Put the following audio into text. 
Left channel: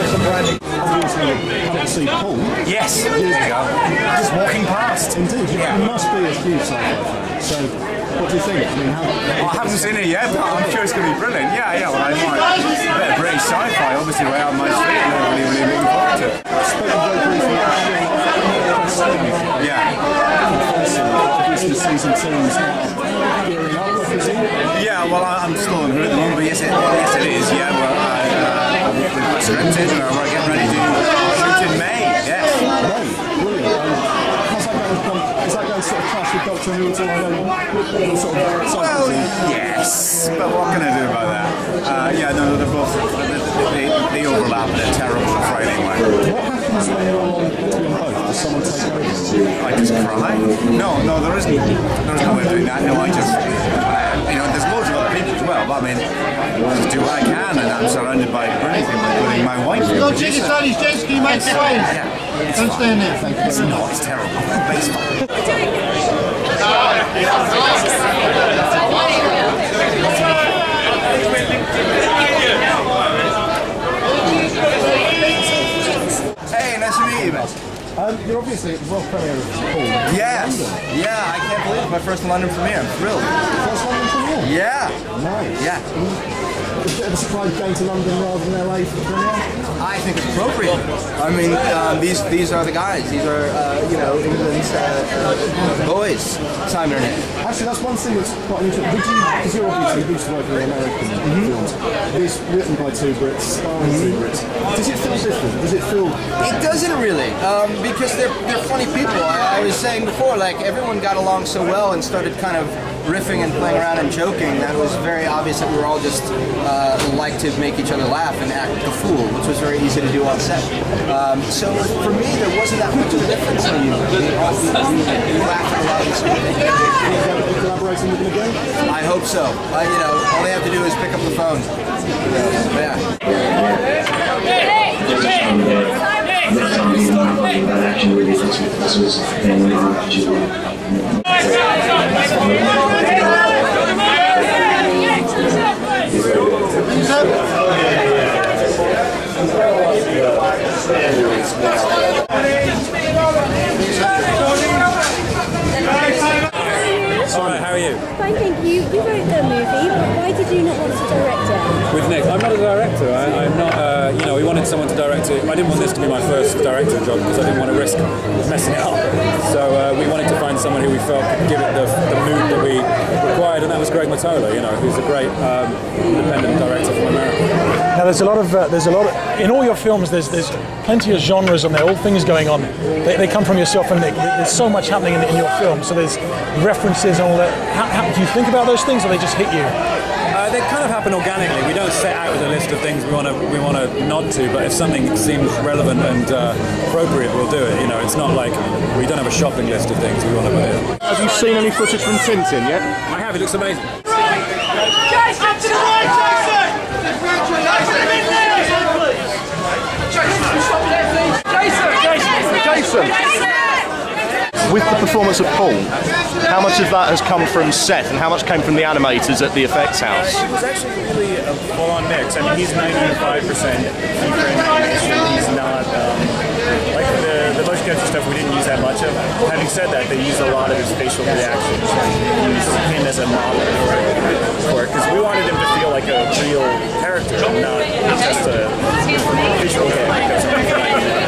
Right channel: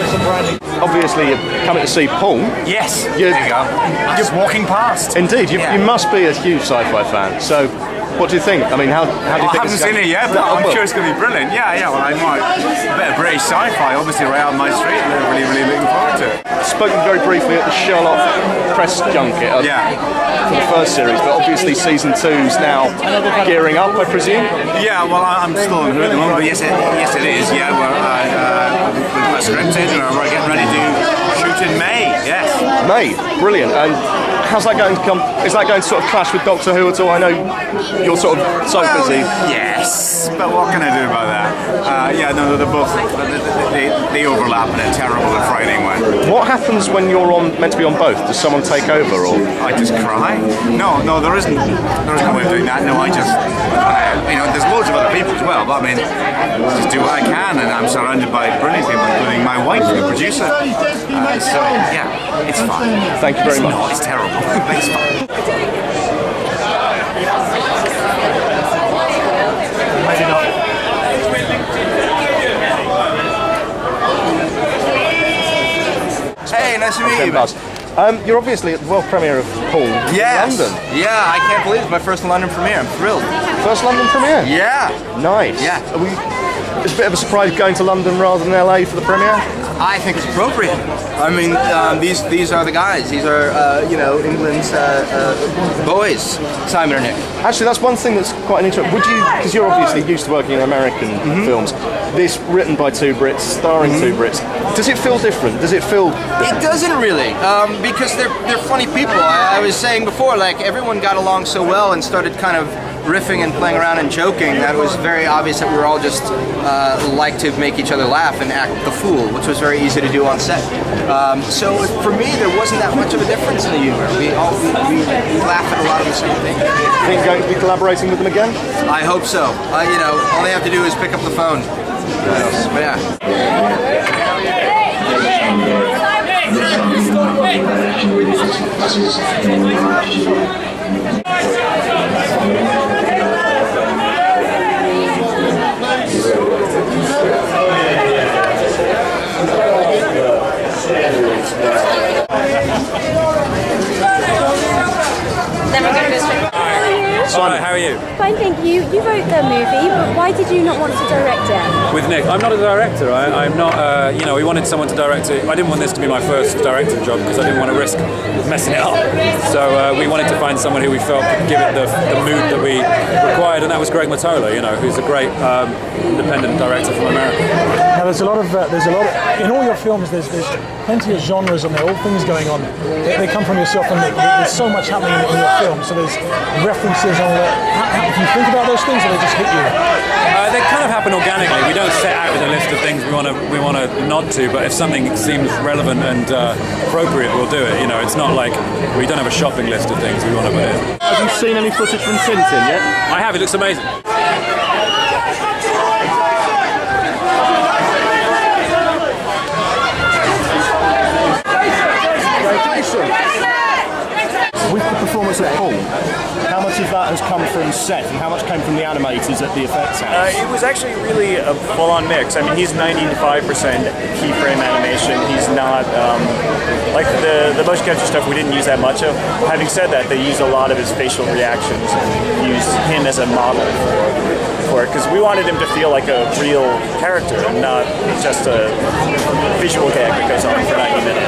bits of branding. Obviously, you're coming to see Paul. Yes, there you go. Just walking past. Indeed, you must be a huge sci-fi fan. So, what do you think? I mean, how do you think? I haven't seen it yet, but I'm sure it's going to be brilliant. Yeah. Well, I might. A bit of British sci-fi, obviously, right on my street. I'm really looking forward to it. Spoken very briefly at the Sherlock press junket. For the first series, but obviously season 2's now gearing up, I presume. Yeah. Well, I'm still on at the moment, but yes, it is. Yeah, we're scripted and we're getting ready to shoot in May. Yes. May, brilliant. And how's that going to come? Is that going to sort of clash with Doctor Who at all? I know you're sort of so busy. Yes, but what can I do about that? No, they're both they overlap in a terrible and frightening way. What happens when you're meant to be on both? Does someone take over, or I just cry? No, there isn't. There's no way of doing that. No, I just there's loads of other people as well, but I mean, just do what I can, and I'm surrounded by brilliant people, including my wife, the producer. It's fine. Thank you very much. No, it's terrible. It's fine. Hey, nice to meet you. Buzz. You're obviously at the world premiere of Paul in London. Yeah, I can't believe it's my first London premiere. I'm thrilled. First London premiere? Yeah. Nice. Yeah. It's a bit of a surprise going to London rather than LA for the premiere? I think it's appropriate. I mean, these are the guys. These are, England's boys, Simon and Nick. Actually, that's one thing that's quite interesting. Would you, because you're obviously used to working in American films, this written by 2 Brits, starring 2 Brits, does it feel different? Does it feel... It doesn't really, because they're funny people. I was saying before, like, everyone got along so well and started kind of riffing and playing around and joking that it was very obvious that we were all just like to make each other laugh and act the fool, which was very easy to do on set. So for me, there wasn't that much of a difference in the humor. We laugh at a lot of the same things. Are you going to be collaborating with them again? I hope so. All they have to do is pick up the phone. Alright, how are you? Fine, thank you. You wrote the movie, but why did you not want to direct it? With Nick. I'm not a director. I'm not, we wanted someone to direct it. I didn't want this to be my first directing job because I didn't want to risk messing it up. So we wanted to find someone who we felt could give it the mood that we required, and that was Greg Mottola, who's a great independent director from America. Now there's a lot of in all your films there's plenty of genres on there, all things going on. They come from yourself and Nick. There's so much happening in your film, so there's references and all that. How do you think about those things, or they just hit you? They kind of happen organically. We don't set out with a list of things we want to nod to, but if something seems relevant and appropriate, we'll do it. It's not like we don't have a shopping list of things we want to put in. Have you seen any footage from Tintin yet? I have. It looks amazing. With the performance of Paul, how much of that has come from set and how much came from the animators at the effects house? It was actually really a full-on mix. I mean, he's 95% keyframe animation. He's not, like the motion capture stuff we didn't use that much of. Having said that, they used a lot of his facial reactions and used him as a model for it, because we wanted him to feel like a real character and not just a visual gag that goes on for 90 minutes.